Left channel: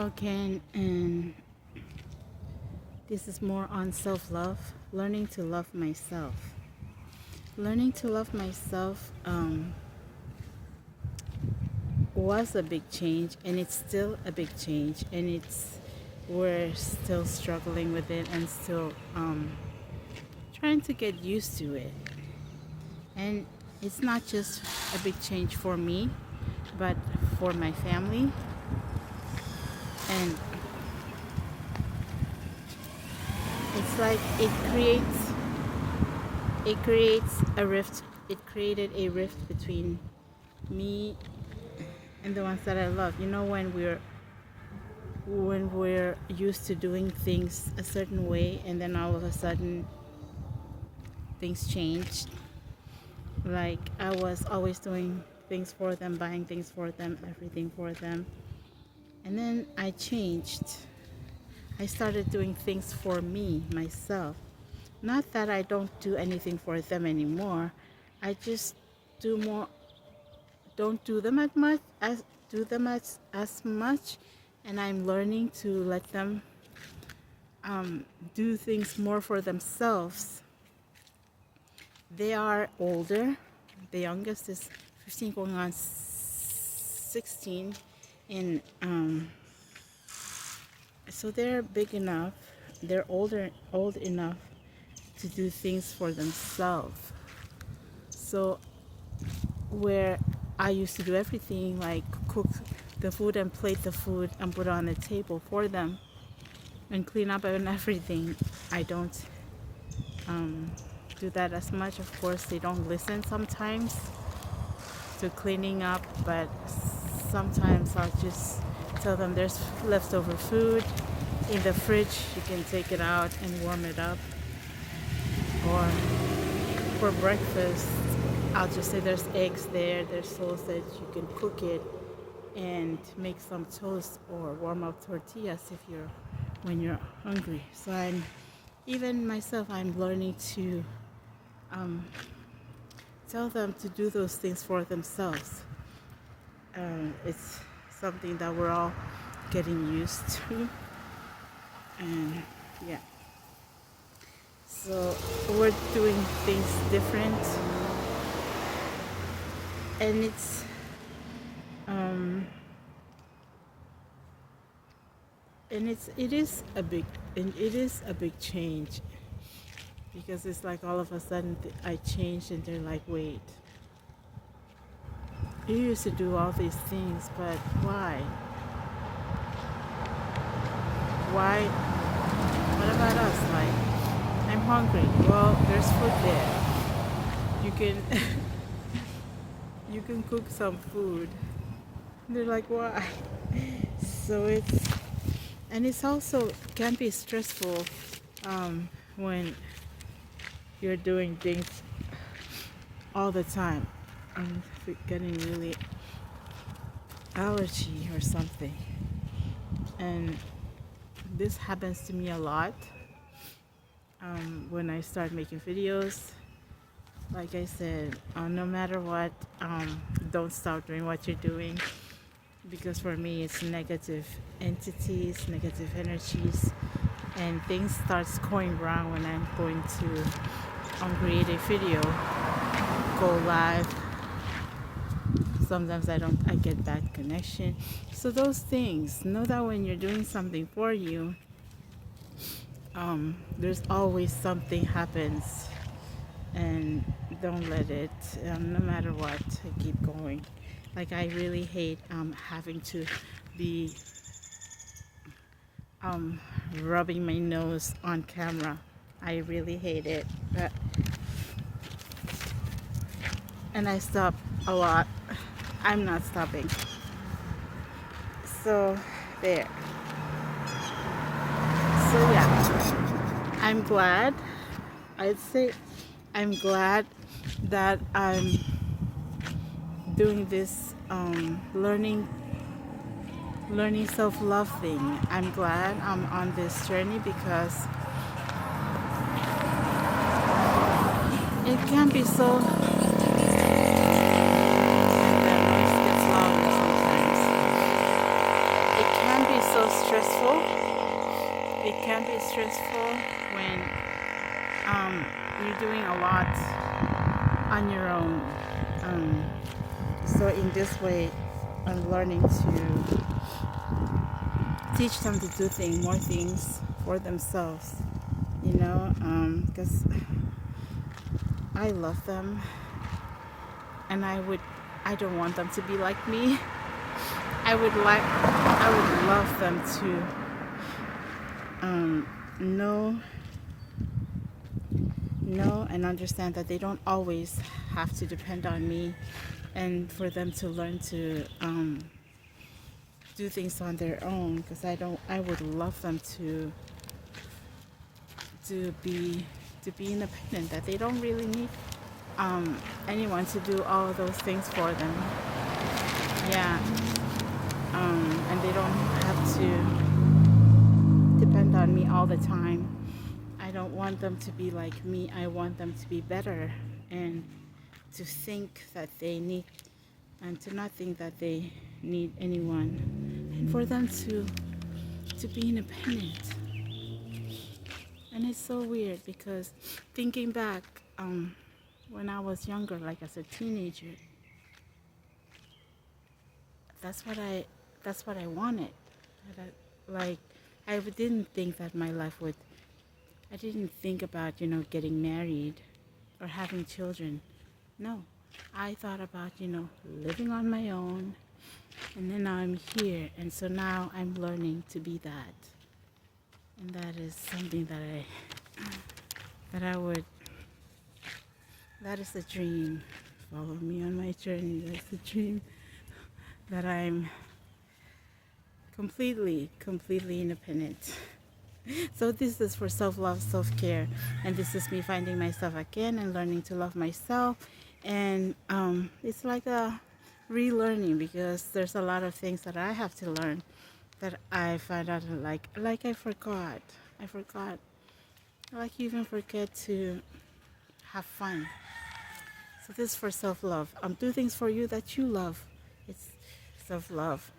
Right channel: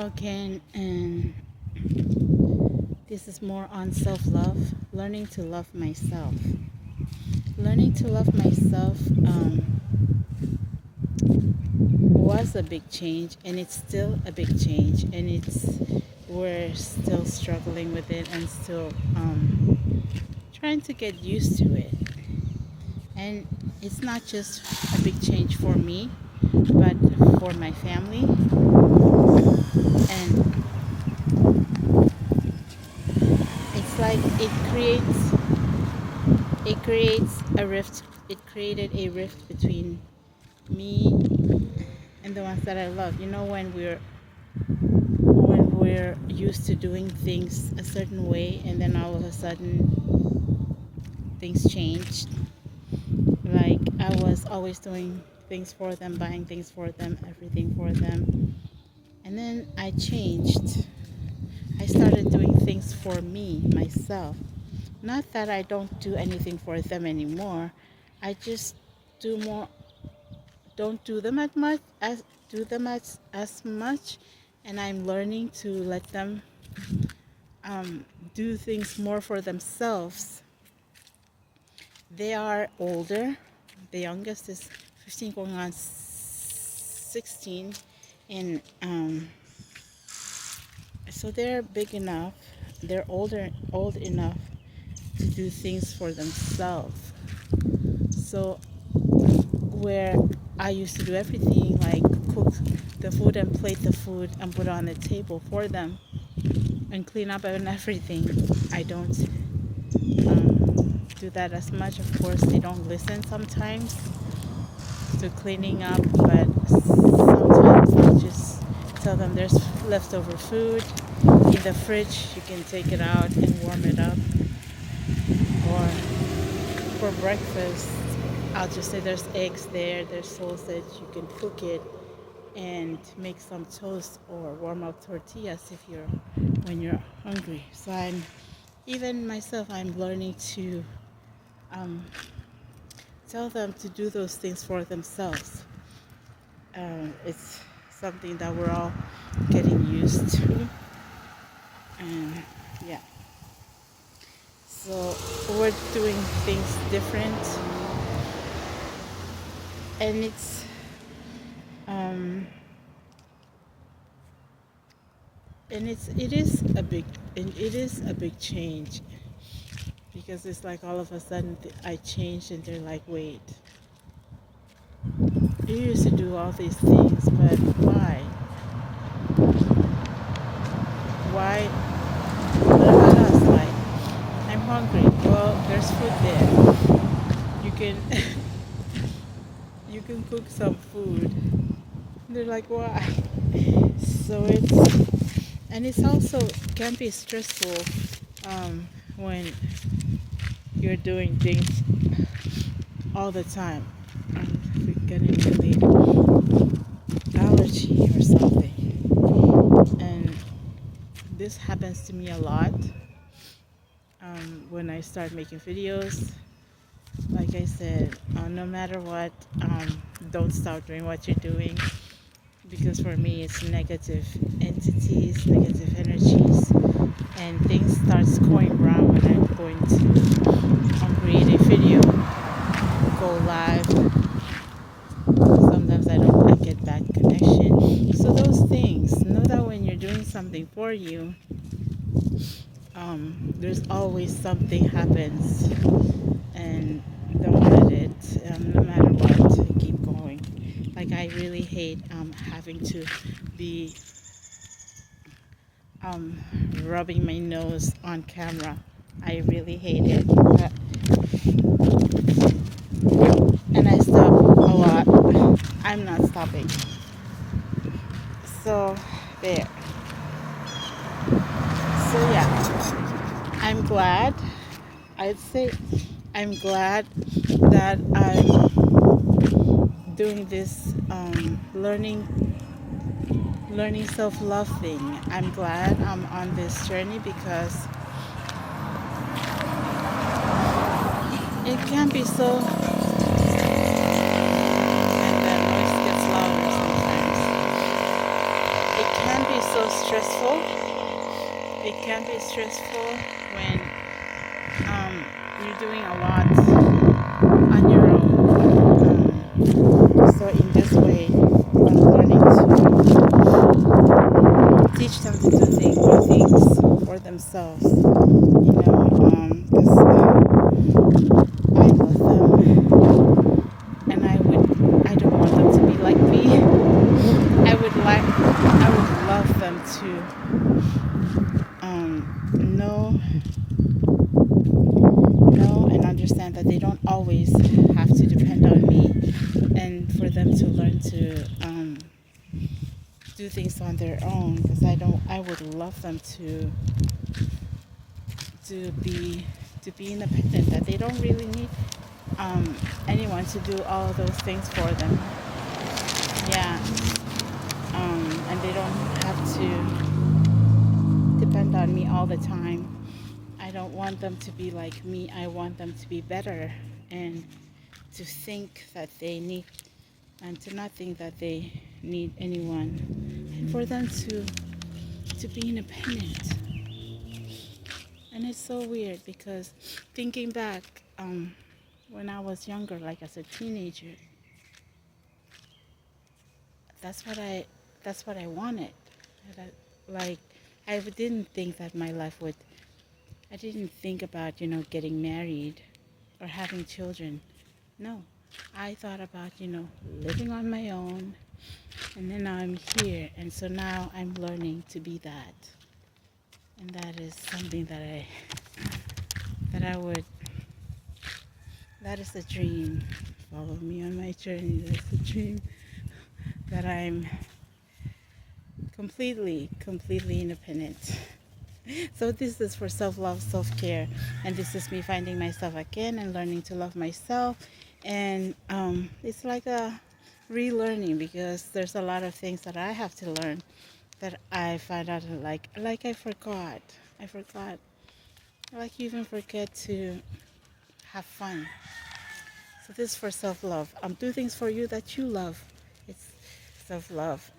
Okay, and this is more on self-love, learning to love myself. Learning to love myself was a big change, and it's still a big change, and we're still struggling with it and still trying to get used to it. And it's not just a big change for me, but for my family, and it's like it creates a rift. It created a rift between me and the ones that I love. When we're used to doing things a certain way, and then all of a sudden things changed. Like, I was always doing things for them, buying things for them, everything for them, and then I changed. I started doing things for me, myself. Not that I don't do anything for them anymore. I just do more don't do them as much, and I'm learning to let them do things more for themselves. They are older. The youngest is 15 going on 16, and so they're big enough. They're old enough to do things for themselves. So where I used to do everything, like cook the food and plate the food and put it on the table for them and clean up and everything, I don't do that as much. Of course, they don't listen sometimes to cleaning up, but sometimes I'll just tell them there's leftover food in the fridge, you can take it out and warm it up. Or for breakfast, I'll just say there's eggs there's sausage, you can cook it and make some toast or warm up tortillas when you're hungry. So even myself, I'm learning to tell them to do those things for themselves. It's something that we're all getting used to, and yeah. So we're doing things different, and it is a big change, because it's like all of a sudden I changed, and they're like, wait, you used to do all these things, but why? Why? What about us? Like, I'm hungry. Well, there's food there. You can you can cook some food. They're like, why? So it's also can be stressful when you're doing things all the time. I'm getting really allergy or something, and this happens to me a lot when I start making videos. Like I said, no matter what, don't stop doing what you're doing, because for me it's negative entities, negative energies, and things starts going wrong when I'm going to create a video, go live. Sometimes I get bad connection. So those things, know that when you're doing something for you, there's always something happens, and don't let it, no matter what, keep going. Like, I really hate having to be rubbing my nose on camera. I really hate it. And I stop a lot. I'm not stopping. So there. So yeah, I'm glad. I'd say I'm glad that I'm doing this learning self-love thing. I'm glad I'm on this journey, because it can be so, and the noise gets louder sometimes. It can can be so stressful. It can be stressful when you're doing a lot on your own. So in this way, I'm learning to teach them to do more things for themselves. You know, because I love them, and I don't want them to be like me. I would love them to know and understand that they don't always have to depend on me, and for them to learn to do things on their own. Because I would love them to be independent. That they don't really need anyone to do all of those things for them. Yeah. And they don't have to depend on me all the time. I don't want them to be like me. I want them to be better and to think that they need, and to not think that they need anyone, and for them to be independent. And it's so weird because thinking back, when I was younger, like as a teenager, that's what I wanted. Like, I didn't think that my life would. I didn't think about getting married or having children. No, I thought about living on my own, and then now I'm here, and so now I'm learning to be that, and that is something that I would. That is a dream. Follow me on my journey. That's a dream that I'm completely independent. So this is for self-love, self-care, and this is me finding myself again and learning to love myself. And it's like a relearning, because there's a lot of things that I have to learn that I find out like I forgot. Like you even forget to have fun. So this is for self-love. Do things for you that you love. It's self-love.